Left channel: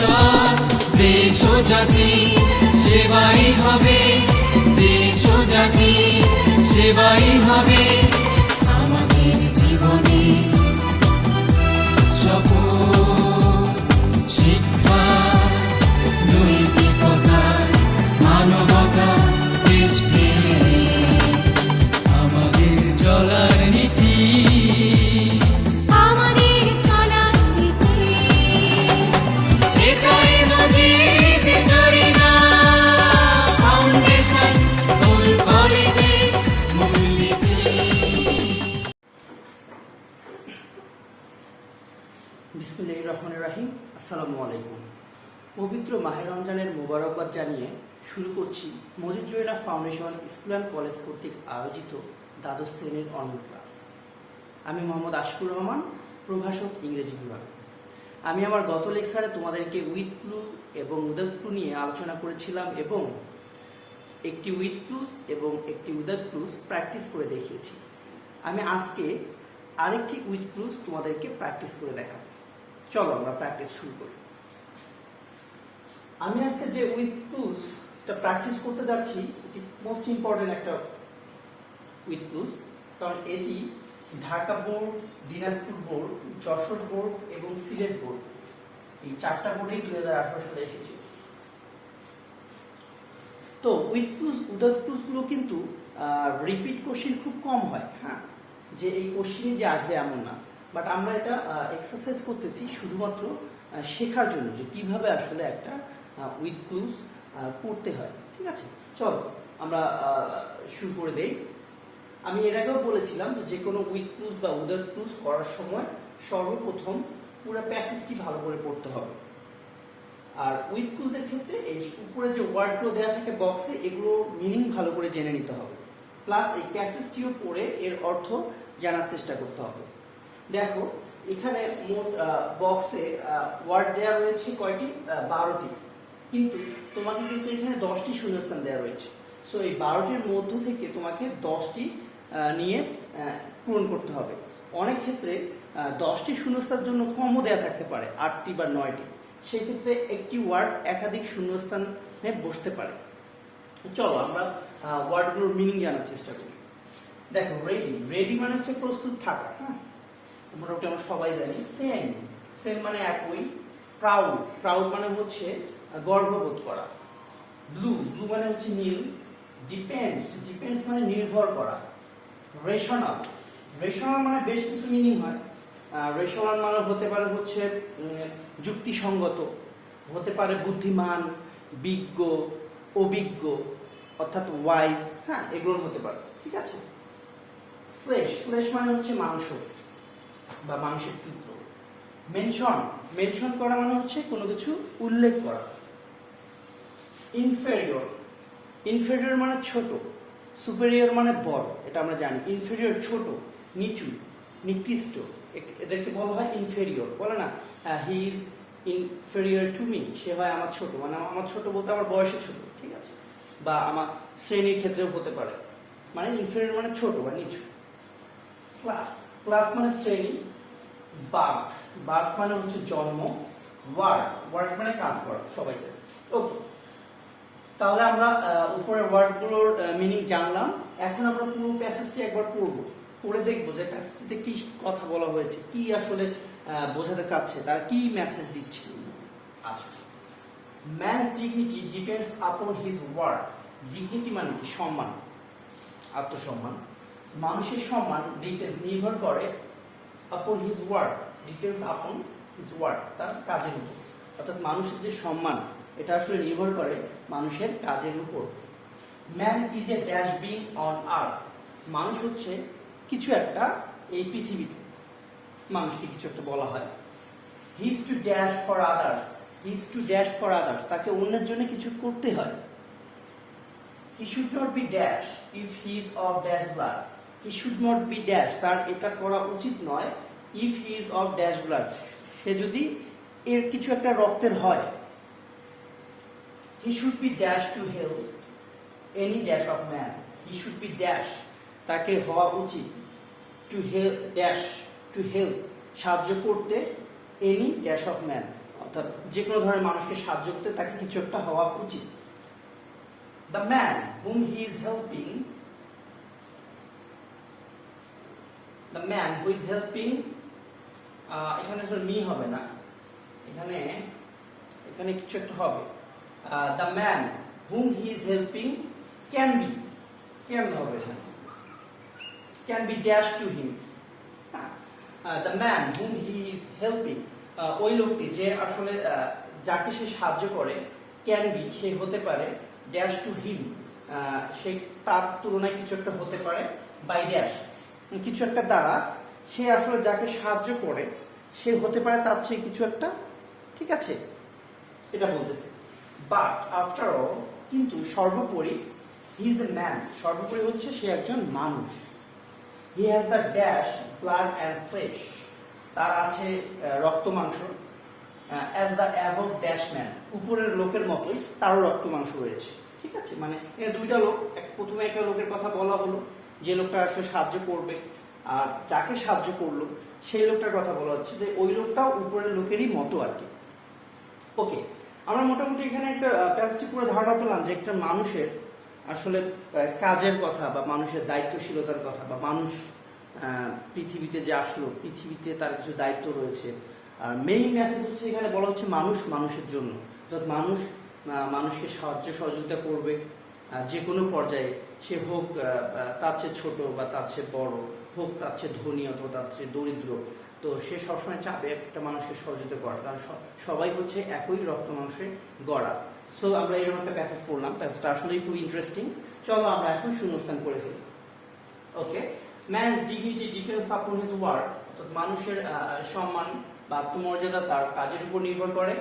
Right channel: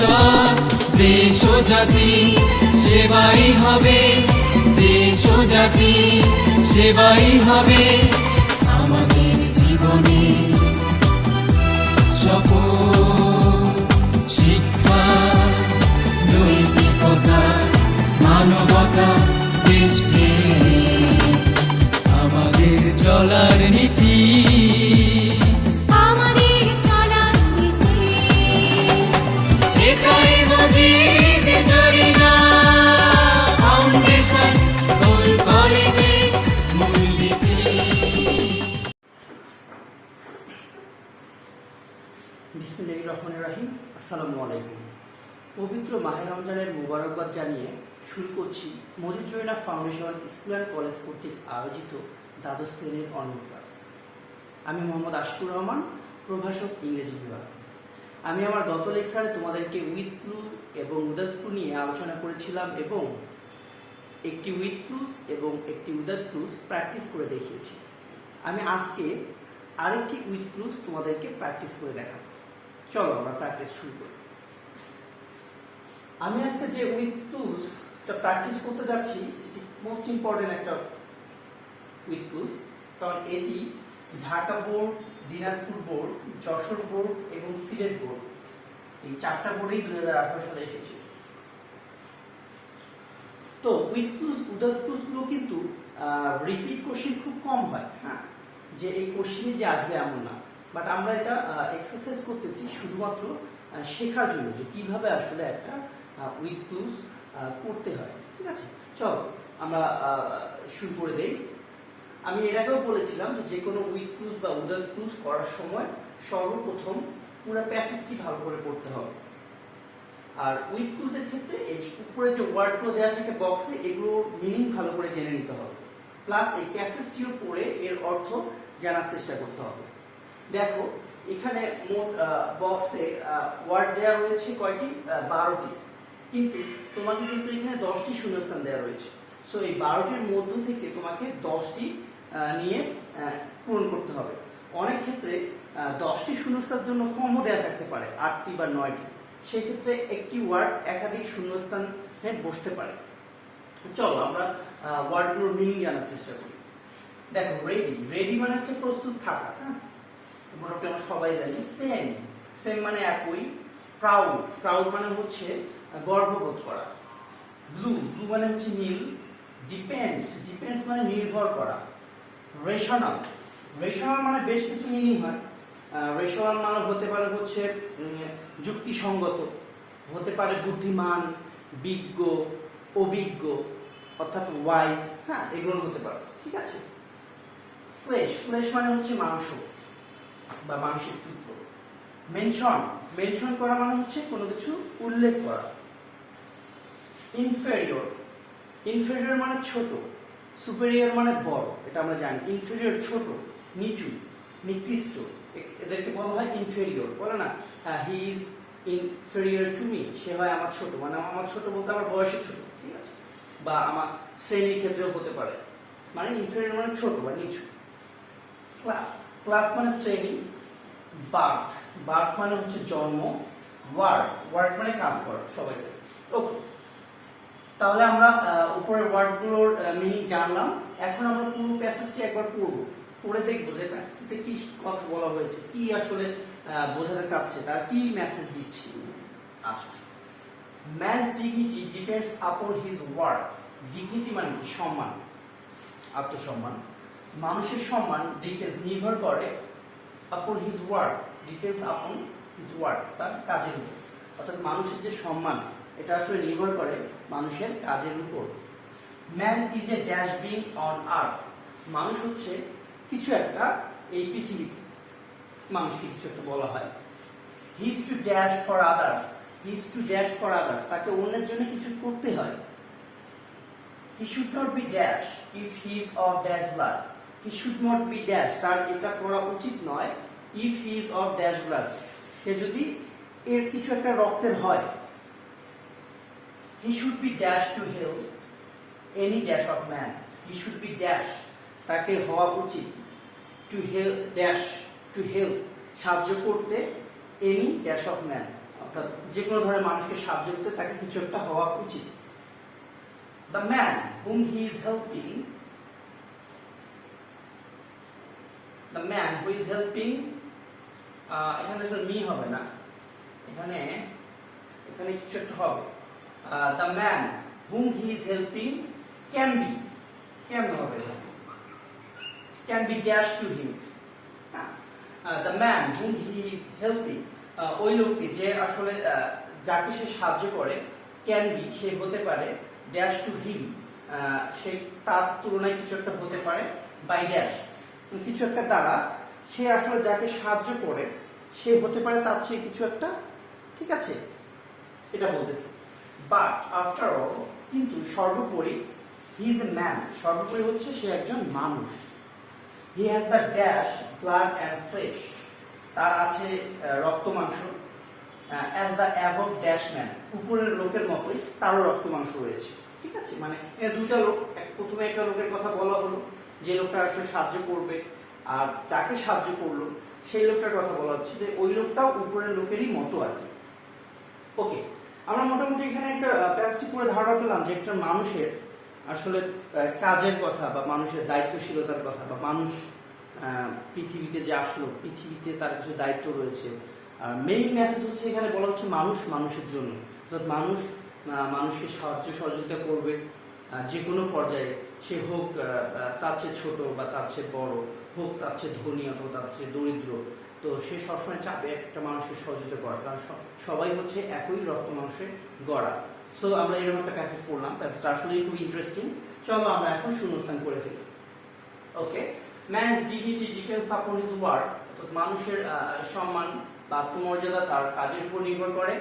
ভবিষ্যৎ দেশ ও জাতি সেবাই হবে, দেশ ও জাতি সেবাই হবে আমাদের জীবনে শপথ। শিক্ষা, নৈতিকতা, মানবতা, দেশপ্রেম আমাদের চলার নীতি, আমাদের চলার নীতি। এটাই মজিদ জরিনা ফাউন্ডেশন স্কুল কলেজের মূলনীতি। বিসমিল্লাহির রহমানির রহিম। আসসালামু আলাইকুম। পবিত্র মাহে রমজানের মোবারকবাদ জানিয়ে শুরু করছি Majid Zarina foundation school and college কর্তৃক আয়োজিত দ্বাদশ শ্রেণীর অনলাইন ক্লাস। আমি মোহাম্মদ আশিকুর রহমান, প্রভাষক, ইংরেজি বিভাগ। আমি আমার গত লেকচারে তোমাদেরকে উইথ ক্লু এবং উইদাউট ক্লু নিয়ে আলোচনা করেছিলাম এবং একটি উইথ ক্লুজ এবং একটি উইদাউট ক্লুজ প্র্যাকটিস করে দেখিয়েছি। আমি আজকে আরেকটি উইথ ক্লুজ তোমাদেরকে প্র্যাকটিস করে দেখাবো। চলো আমরা প্র্যাকটিস শুরু করি। আমি আজকে যে উইথ ক্লুজটা প্র্যাকটিস করতে যাচ্ছি এটি মোস্ট ইম্পর্টেন্ট একটা উইথ ক্লুজ, কারণ এটি Dhaka board, Dinajpur board, Jessore board এবং সিলেট বোর্ড এই চারটা বোর্ডেই 2018 সালে এসেছে। তো উইথ ক্লুজ উইদাউট ক্লুজ গুলো কিন্তু রিপিট কোশ্চেন খুব কম হয়, হ্যাঁ, যে এই কোশ্চেনে যে আসবে এমন না। বাট আমরা এটা এক্সারসাইজ করতেছি শুধুমাত্র শেখার জন্য যে কিভাবে আসলে একটা উইথ ক্লুজ করতে হয়। ঠিক আছে, চলো আমরা শুরু করে দেই। আমি এর আগেও বলেছিলাম যে কোনো উইথ ক্লুজ বা উইদাউট ক্লুজ করার সময় সর্বপ্রথম পুরো প্যাসেজটি ভালো করে পড়তে হবে। আর উইথ ক্লুজের ক্ষেত্রে এই উপরে যে ওয়ার্ডগুলো দেওয়া থাকে বক্সে, এগুলো মিনিং ভালো করে জেনে নিতে হবে, প্লাস এই প্যাসেজটিও পড়ে এর অর্থ জানার চেষ্টা করতে হবে। দেখো এখানে মোট বক্সে ওয়ার্ড দেওয়া রয়েছে কয়টি? 12টি, কিন্তু তোমাকে কিন্তু এখানে 10টি শূন্যস্থান দেওয়া রয়েছে। সো এই 12টির মধ্য থেকে তোমাকে 10টি নিয়ে পূরণ করতে হবে। অনেক ক্ষেত্রে 10টি শূন্যস্থানের জন্য কমও দেওয়া থাকতে পারে, 8টি বা 9টি। সেক্ষেত্রে একটি ওয়ার্ড একাধিক শূন্যস্থানে বসতে পারে। চলো আমরা ওয়ার্ডগুলোর মিনিং জানার চেষ্টা করি। দেখো রেডি, রেডি মানে হচ্ছে প্রস্তুত থাকা, হ্যাঁ, মোটামুটি আমরা সবাই জানি। সেম, সেম মানে একই। প্রাউড, প্রাউড মানে হচ্ছে গর্ববোধ করা। ব্লু, ব্লু মানে হচ্ছে নীল। ডিপেন্ডস, ডিপেন্ডস মানে নির্ভর করা। রেশনাল, রেশনাল মানে বেশ কিছু মিনিং হয়। রেশনাল মানে হতে পারে হচ্ছে যুক্তিসঙ্গত, হতে পারে বুদ্ধিমান, বিজ্ঞ, অভিজ্ঞ অর্থাৎ ওয়াইজ, হ্যাঁ, এগুলো হতে পারে। ঠিক আছে। ফ্লেশ, ফ্লেশ মানে হচ্ছে মাংস বা মাংসকৃত। মেনশন, মেনশন করা মানে হচ্ছে কোনো কিছু উল্লেখ করা। ইনফেরিয়র, ইনফেরিয়র মানে ছোট। সুপেরিয়র মানে বড়, এটা আমরা জানি। ইনফেরিয়র ছোট, নিচু, নিকৃষ্ট, এদেরকে বলা হয় ইনফেরিয়র। বলে না he is inferior to me, সে হয় আমার ছোট, মানে আমার ছোট বলতে আমার বয়সে ছোট। ঠিক আছে, বা আমার শ্রেণীর ক্ষেত্রেও হতে পারে, মানে ইনফেরিয়র মানে ছোট বা নিচু। ক্লাস, ক্লাস মানে শ্রেণী। বার্থ, বার্থ মানে হচ্ছে জন্ম। ওয়ার্ড, ওয়ার্ড মানে কাজ করা, সবাই। ওকে, তাহলে আমরা উপরের ওয়ার্ডগুলোর মিনিং জানলাম। এখন আমরা পুরো প্যাসেজটি একবার পড়বো, পড়ে দেখবো যে প্যাসেজটিতে কি কথা বলা হয়েছে, কি আসলে বোঝাতে চাচ্ছে, তারা কি মেসেজ দিচ্ছে। আচ্ছা, man's dignity depends upon his word. Dignity মানে কি? সম্মান, আত্মসম্মান। মানুষের সম্মান ডিপেন্ডস নির্ভর করে upon his word, depends upon his word, তার কাজের উপর। অর্থাৎ মানুষের যে সম্মান এটা আসলে নির্ভর করে মানুষের কাজের উপর। Man is a dash being on earth. মানুষ হচ্ছে কিছু একটা এই পৃথিবীতে, মানুষকে কিছু একটা বলা হয়। He is to dash for others, he is to dash for others, তাকে অন্যের জন্য কিছু করতে হয়। He should not be dash if he is of dash blood. He should not be dash, তার এটা করা উচিত নয়। If he is of dash blood, সে যদি এর কিছু একটা রক্তের হয়। He should be dash to help any dash of man. He should be dash, তাকে হওয়া উচিত। To help, dash to help, সাহায্য করতে any dash of man, অর্থাৎ যে কোনো ধরনের মানুষকে সাহায্য করতে তাকে কিছু একটা হওয়া উচিত। The man whom he is helping, the man who is helping, এখানে তো মি হবে না, এখানে এখানে কিছু একটা হবে। The man whom he is helping can be, can হবে, can be dash to him. The man whom he is helping, ওই লোকটি যে আসলে যাকে সে সাহায্য করে, ক্যান বি সে হতে পারে, ড্যাশ টু হিম সে তার তুলনায় কিছু একটা হতে পারে, বাই ড্যাশ কিছু একটা দ্বারা সে আসলে যাকে সাহায্য করে সে হতে পারে তার চেয়ে কিছু একটা, ঠিক আছে, এটা বলতেছে। বাট আফটার অল, কিন্তু সর্বোপরি, হি ইজ এ ম্যান, সর্বোপরি হচ্ছে সে একজন মানুষ। He has the dash blood and flash, তার আছে রক্ত মাংস, as the above dash man, উপরের লোকের মতোই তারও রক্ত মাংস রয়েছে, ঠিক আছে। মানে দুইটা লোক, প্রথমে একটা লোকের কথা বলা হলো যে লোকটা আসলে সাহায্য করবে, আর যাকে সাহায্য করলো সেই লোকটার কথা বলা হচ্ছে যে ওই লোকটাও উপরের লোকেরই মতো আর কি। ওকে, আমরা মোটামুটি এখানে একটা প্যাসেজ করে ধারণা পেলাম যে একটা মানুষের আসলে কাজের কথা বা মানুষের দায়িত্বশীলতার কথা, বা মানুষ পৃথিবীতে যে আসলো, পৃথিবীতে তার কিছু দায়িত্ব রয়েছে। আর মেইন মেসেজ হচ্ছে এখানে বলা হচ্ছে মানুষ মানুষের জন্য, অর্থাৎ মানুষ মানুষকে সাহায্য সহযোগিতা করবে যে কোনো পর্যায়ে, সে হোক তার চেয়ে ছোট বা তার চেয়ে বড়, হোক তার চেয়ে ধনী অথবা তার চেয়ে দরিদ্র, তো সে সবসময় চাবে একটা মানুষকে সহযোগিতা করার, কারণ সবাই হচ্ছে একই রক্ত মাংসে গড়া। সো আমরা এরকম একটা প্যাসেজ পড়লাম, প্যাসেজটা আসলে খুব ইন্টারেস্টিং। চলো আমরা এখন শূন্যস্থান করে ফেলি। Okay, man's dignity depends upon his work, অর্থাৎ মানুষের সম্মান বা আত্মমর্যাদা তার কাজের উপর নির্ভর করে।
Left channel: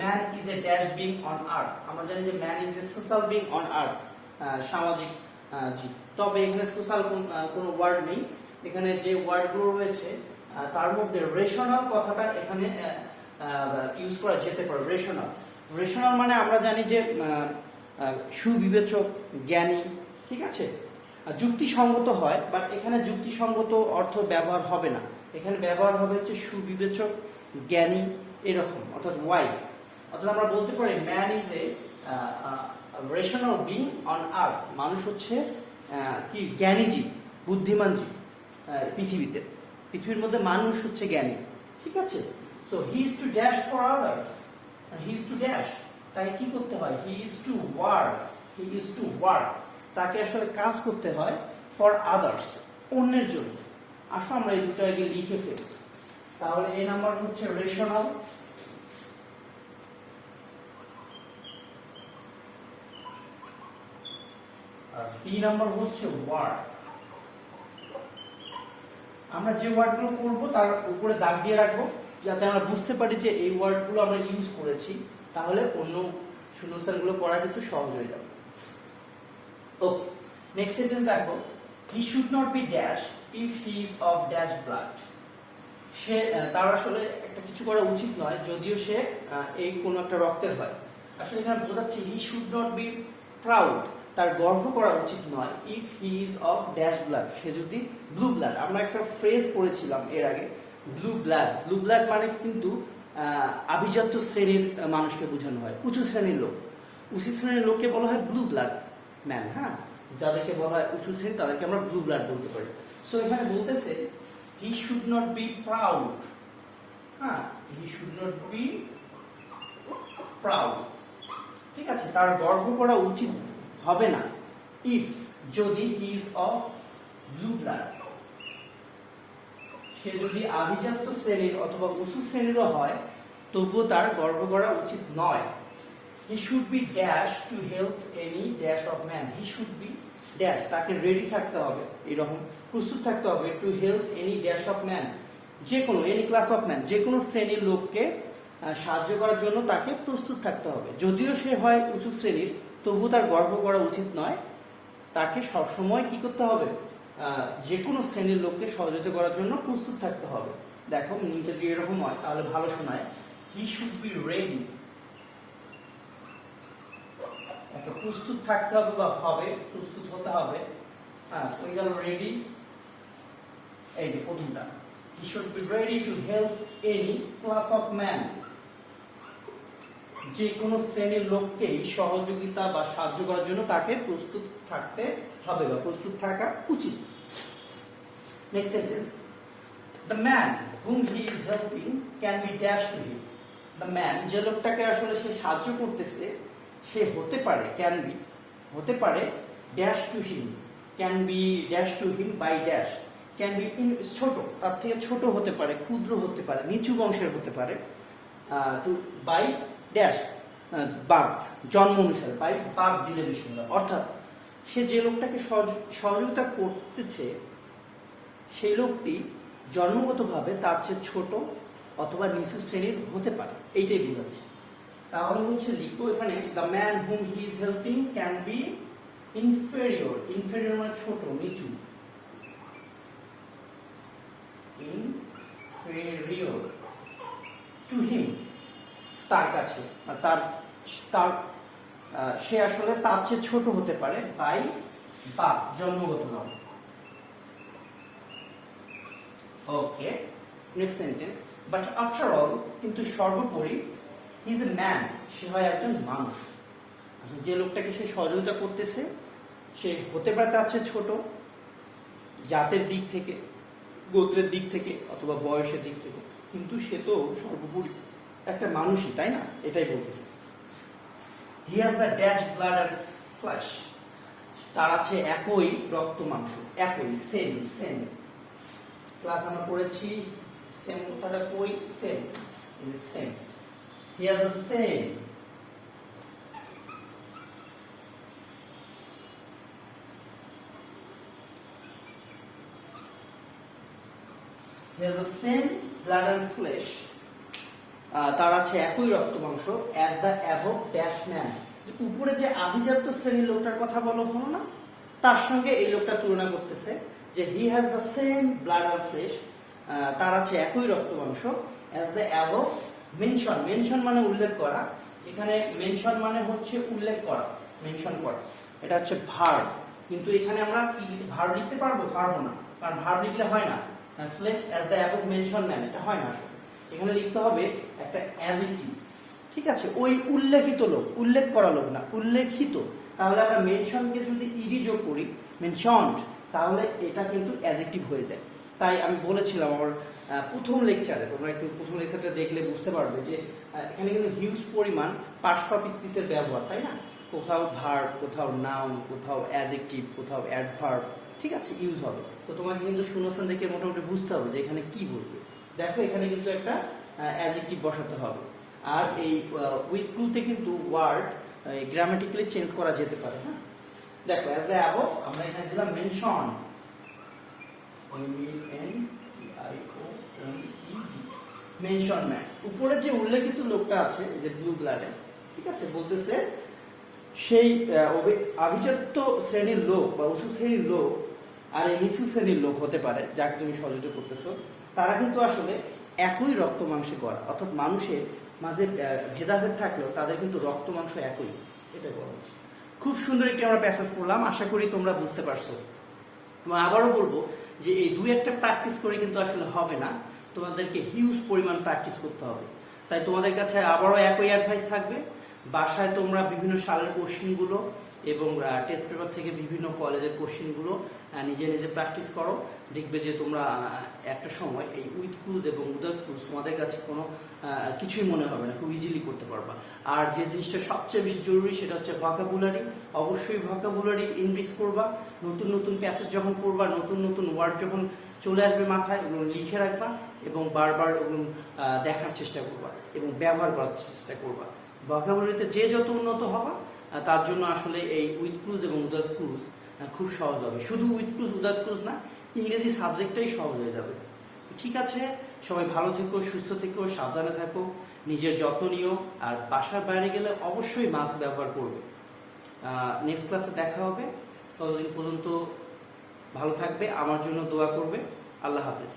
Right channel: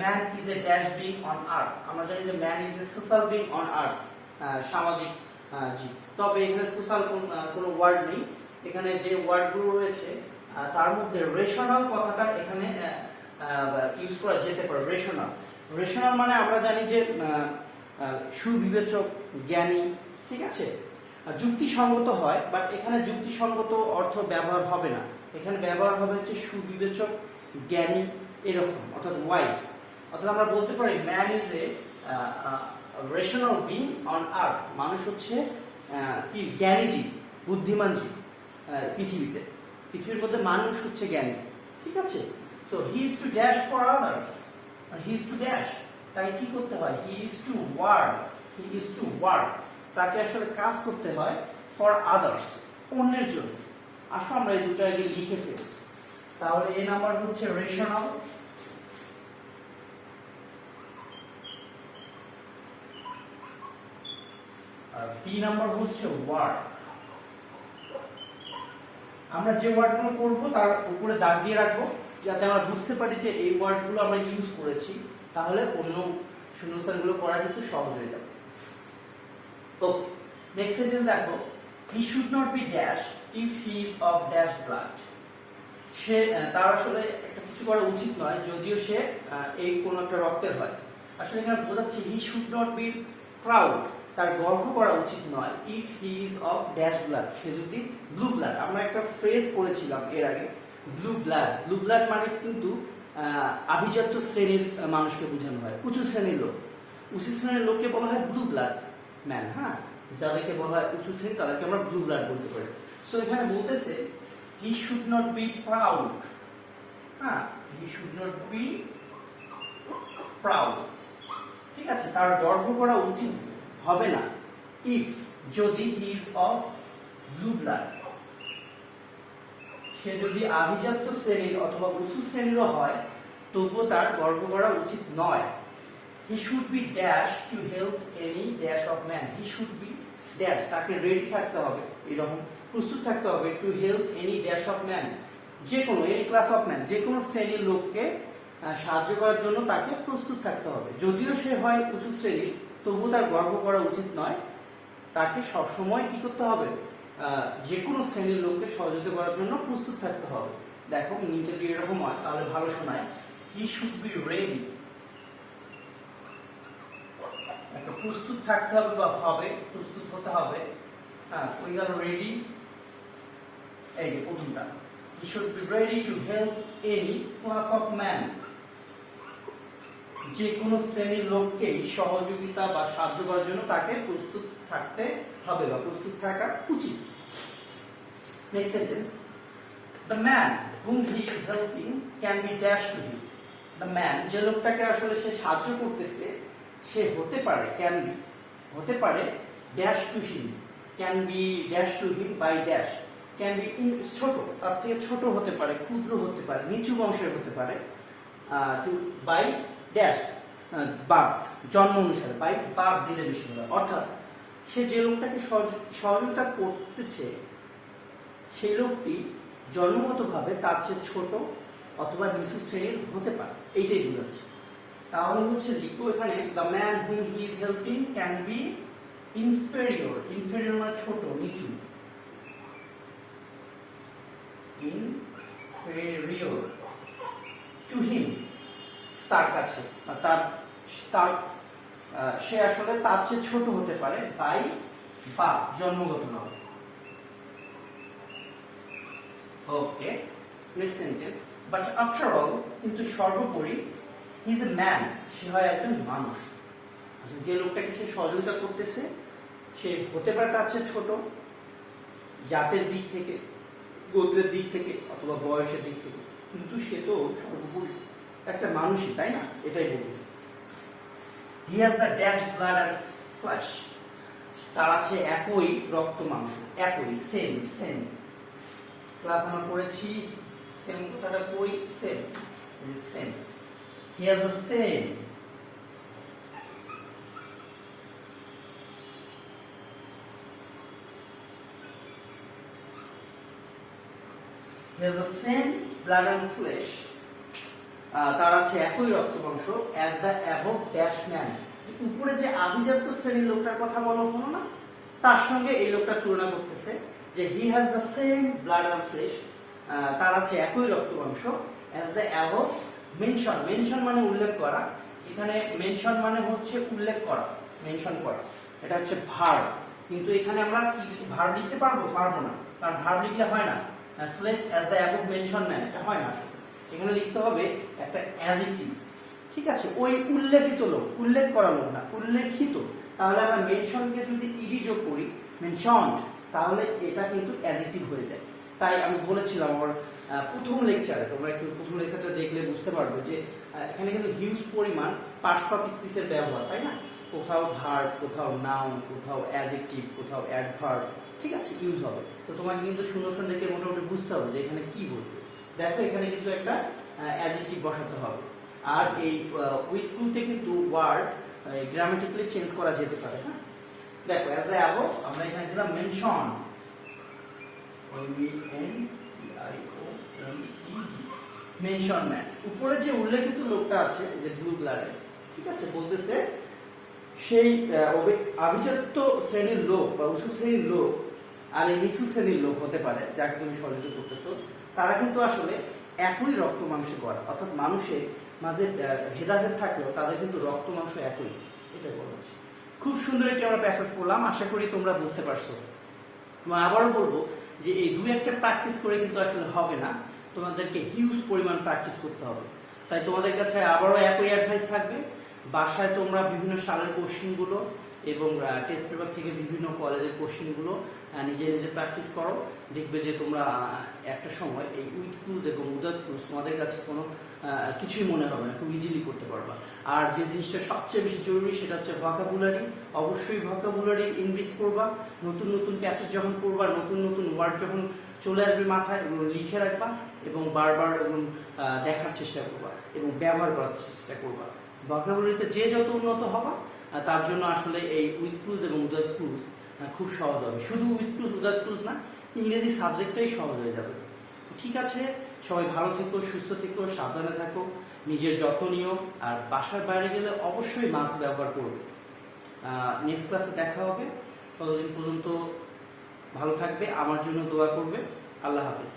Man is a dash being on earth, আমরা জানি যে man is a social being on earth, সামাজিক জীব। তবে এখানে সোশ্যাল কোনো ওয়ার্ড নেই, এখানে যে ওয়ার্ডগুলো রয়েছে তার মধ্যে রেশনাল কথাটা এখানে ইউজ করা যেতে পারে। রেশনাল, রেশনাল মানে আমরা জানি যে সুবিবেচক, জ্ঞানী, ঠিক আছে, যুক্তিসঙ্গত হয়, বাট এখানে যুক্তিসঙ্গত অর্থ ব্যবহার হবে না, এখানে ব্যবহার হবে হচ্ছে সুবিবেচক, জ্ঞানী, এরকম, অর্থাৎ ওয়াইজ। অর্থাৎ আমরা বলতে পারি man is a rational being on earth, মানুষ হচ্ছে কি জ্ঞানী জীব, বুদ্ধিমান জীব পৃথিবীতে, পৃথিবীর মধ্যে মানুষ হচ্ছে জ্ঞানী, ঠিক আছে। So he is to dash for others, he is to dash, তাই কি করতে হয়, he is to work, he is to work, তাকে আসলে কাজ করতে হয় ফর আদার্স, অন্যের জন্য। আসো আমরা এই দুটো আগে লিখে ফেলি, তাহলে এ নাম্বার হচ্ছে রেশনাল, আর বি নাম্বার হচ্ছে ওয়ার্ক। আমরা যে ওয়ার্ডগুলো করবো তার উপরে দাগ দিয়ে রাখবো, যাতে আমরা বুঝতে পারি যে এই ওয়ার্ডগুলো আমরা ইউজ করেছি, তাহলে অন্য শূন্যস্থানগুলো করা কিন্তু সহজ হয়ে যাবে। ওকে, নেক্সট সেন্টেন্স দেখো, he should not be dash if he is of dash blood, সে তার আসলে একটা কিছু করা উচিত নয় যদিও সে এই কোন একটা রক্তের হয়। আসলে এখানে বোঝাচ্ছে he should not be proud, তার গর্ব করা উচিত নয়, if he is of dash blood, সে যদি ব্লু ব্লাড। আমরা একটা ফ্রেজ পড়েছিলাম এর আগে, ব্লু ব্লাড। ব্লু ব্লাড মানে কিন্তু আভিজাত্য শ্রেণীর মানুষকে বোঝানো হয়, উঁচু শ্রেণীর লোক। উঁচু শ্রেণীর লোককে বলা হয় ব্লু ব্লাড ম্যান, হ্যাঁ, যাদেরকে বলা হয় উঁচু শ্রেণী তাদেরকে আমরা ব্লু ব্লাড বলতে পারি। সো এখানে বলতেছে he should not be proud, হ্যাঁ, he should not be proud, ঠিক আছে, তার গর্ব করা উচিত হবে না, ইফ যদি he is of blue blood, সে যদি আভিজাত্য শ্রেণীর অথবা উঁচু শ্রেণীরও হয় তবুও তার গর্ব করা উচিত নয়। He should be dash to help any dash of man, he should be dash, তাকে রেডি থাকতে হবে, এরকম প্রস্তুত থাকতে হবে, to help any dash of man, যে কোনো এনি ক্লাস অফ ম্যান, যে কোনো শ্রেণীর লোককে সাহায্য করার জন্য তাকে প্রস্তুত থাকতে হবে। যদিও সে হয় উঁচু শ্রেণীর তবু তার গর্ব করা উচিত নয়, তাকে সবসময় কি করতে হবে, যে কোনো শ্রেণীর লোককে সহযোগিতা করার জন্য প্রস্তুত থাকতে হবে। দেখো মিনিটে যদি এরকম হয় তাহলে ভালো শোনায়, হি শুড বি রেডি, একটা প্রস্তুত থাকতে হবে বা হবে প্রস্তুত হতে হবে, হ্যাঁ, ওই গেল রেডি, এই যে প্রথমটা, he should be ready to help any class of man, যে কোনো শ্রেণীর লোককেই সহযোগিতা বা সাহায্য করার জন্য তাকে প্রস্তুত থাকতে হবে বা প্রস্তুত থাকা উচিত। Next sentence, the man whom he is helping can be dash to him. The man, যে লোকটাকে আসলে সে সাহায্য করতেছে সে হতে পারে, ক্যান বি হতে পারে dash to him, can be dash to him by dash, can be ছোট, তার থেকে ছোট হতে পারে, ক্ষুদ্র হতে পারে, নিচু বংশের হতে পারে, টু বাই ড্যাশ বার্থ, জন্ম অনুসারে, বাই বার্থ দিলে বেশি হবে। অর্থাৎ সে যে লোকটাকে সহযোগিতা করতেছে সেই লোকটি জন্মগতভাবে তার চেয়ে ছোট অথবা নিচু শ্রেণীর হতে পারে, এইটাই বোঝাচ্ছে। তাহলে হচ্ছে লিখবো এখানে the man whom he is helping can B inferior, inferior মানে ছোট, নিচু, ইনফেরিয়র টু হিম তার কাছে, তার তার সে আসলে তার চেয়ে ছোট হতে পারে বাই বা জন্মগত নয়। Okay, next sentence, but after all, কিন্তু সর্বোপরি, হি ইজ এ ম্যান, সে হয় একজন মানুষ। যে লোকটাকে সে সহযোগিতা করতেছে সে হতে পারে তার চেয়ে ছোট জাতের দিক থেকে, গোত্রের দিক থেকে অথবা বয়সের দিক থেকে, কিন্তু সে তো সর্বোপরি একটা মানুষই, তাই না? এটাই বলতেছে। He has the dash blood and flash, তার আছে একই রক্ত মাংস, একই, সেম সেম। ক্লাস আমরা পড়েছি সেম কথাটা কই, same, same. He has the same he has the same blood and flesh, তার আছে একই রক্ত মাংস, as the above dash man, উপরে যে আভিজাত্য শ্রেণীর লোকটার কথা বলা হলো না, তার সঙ্গে এই লোকটা তুলনা করতেছে যে he has the same blood and flesh, তার আছে একই রক্ত মাংস, as the above mention, mention মানে উল্লেখ করা, এখানে মেনশন মানে হচ্ছে উল্লেখ করা, মেনশন করা, এটা হচ্ছে ভার্ব। কিন্তু এখানে আমরা কি ভার্ব লিখতে পারবো? পারবো না, কারণ ভার্ব লিখলে হয় না। Flash as the above mention man, এটা হয় না। এখানে লিখতে হবে একটা অ্যাডজেক্টিভ, ঠিক আছে? ওই উল্লেখিত লোক, উল্লেখ করা লোক না, উল্লেখিত। তাহলে আমরা মেনশনকে যদি ইডি যোগ করি, মেনশনড, তাহলে এটা কিন্তু অ্যাডজেক্টিভ হয়ে যায়। তাই আমি বলেছিলাম আমার প্রথম লেকচারে, তোমরা একটু প্রথম লেকচারটা দেখলে বুঝতে পারবে যে এখানে কিন্তু হিউজ পরিমাণ পার্টস অফ স্পিচের ব্যবহার, তাই না? কোথাও ভার্ব, কোথাও নাউন, কোথাও অ্যাডজেক্টিভ, কোথাও অ্যাডভার্ব, ঠিক আছে, ইউজ হবে। তো তোমাকে কিন্তু শূন্যস্থান দেখে মোটামুটি বুঝতে হবে যে এখানে কি বলবে। দেখো এখানে কিন্তু একটা অ্যাডজেক্টিভ বসাতে হবে। আর এই উইথ ক্লুতে কিন্তু ওয়ার্ড গ্রামাটিক্যালি চেঞ্জ করা যেতে পারে, হ্যাঁ? দেখো অ্যাজ দ্য অ্যাবভ আমরা এখানে দিলাম মেনশন, মেনশন ম্যান, উপরে যে উল্লেখিত লোকটা আছে যে ব্লু ব্লাডে, ঠিক আছে, বলতেছে সেই আভিজাত্য শ্রেণীর লোক বা উঁচু শ্রেণীর লোক আর এই নিচু শ্রেণীর লোক হতে পারে যাকে তুমি সহযোগিতা করতেছো, তারা কিন্তু আসলে একই রক্ত মাংসে গড়া, অর্থাৎ মানুষের মাঝে ভেদাভেদ থাকলেও তাদের কিন্তু রক্ত মাংস একই, এটা বলা হচ্ছে। খুব সুন্দর একটি আমরা প্যাসেজ পড়লাম, আশা করি তোমরা বুঝতে পারছো। তোমার আবারও বলবো যে এই দুই একটা প্র্যাকটিস করে কিন্তু আসলে হবে না, তোমাদেরকে হিউজ পরিমাণ প্র্যাকটিস করতে হবে। তাই তোমাদের কাছে আবারও একই অ্যাডভাইস থাকবে, বাসায় তোমরা বিভিন্ন সালের কোশ্চেনগুলো এবং টেস্ট পেপার থেকে বিভিন্ন কলেজের কোশ্চেনগুলো নিজে নিজে প্র্যাকটিস করো। দেখবে যে তোমরা একটা সময় এই উইথ ক্লুজ এবং উইদাউট ক্লুজ তোমাদের কাছে কোনো কিছুই মনে হবে না, খুব ইজিলি করতে পারবা। আর যে জিনিসটা সবচেয়ে বেশি জরুরি সেটা হচ্ছে ভোকাবুলারি। অবশ্যই ভোকাবুলারি ইনক্রিজ করবা, নতুন নতুন প্যাসেজ যখন পড়বা, নতুন নতুন ওয়ার্ড যখন চলে আসবে মাথায়, ওগুলো লিখে রাখবা এবং বারবার ওগুলো দেখার চেষ্টা করবা এবং ব্যবহার করার চেষ্টা করবা। ভোকাবুলারিতে যে যত উন্নত হবা তার জন্য আসলে এই উইথ ক্লুজ এবং উইদাউট ক্লুজ খুব সহজ হবে। শুধু উইথ ক্লুজ উইদাউট ক্লুজ না, ইংরেজি সাবজেক্টটাই সহজ হয়ে যাবে। ঠিক আছে, সবাই ভালো থেকো, সুস্থ থেকো, সাবধানে থাকো, নিজের যত্ন নিও, আর বাসার বাইরে গেলে অবশ্যই মাস্ক ব্যবহার করবে। নেক্সট ক্লাসে দেখা হবে, ততদিন পর্যন্ত ভালো থাকবে, আমার জন্য দোয়া করবে। আল্লাহ হাফেজ।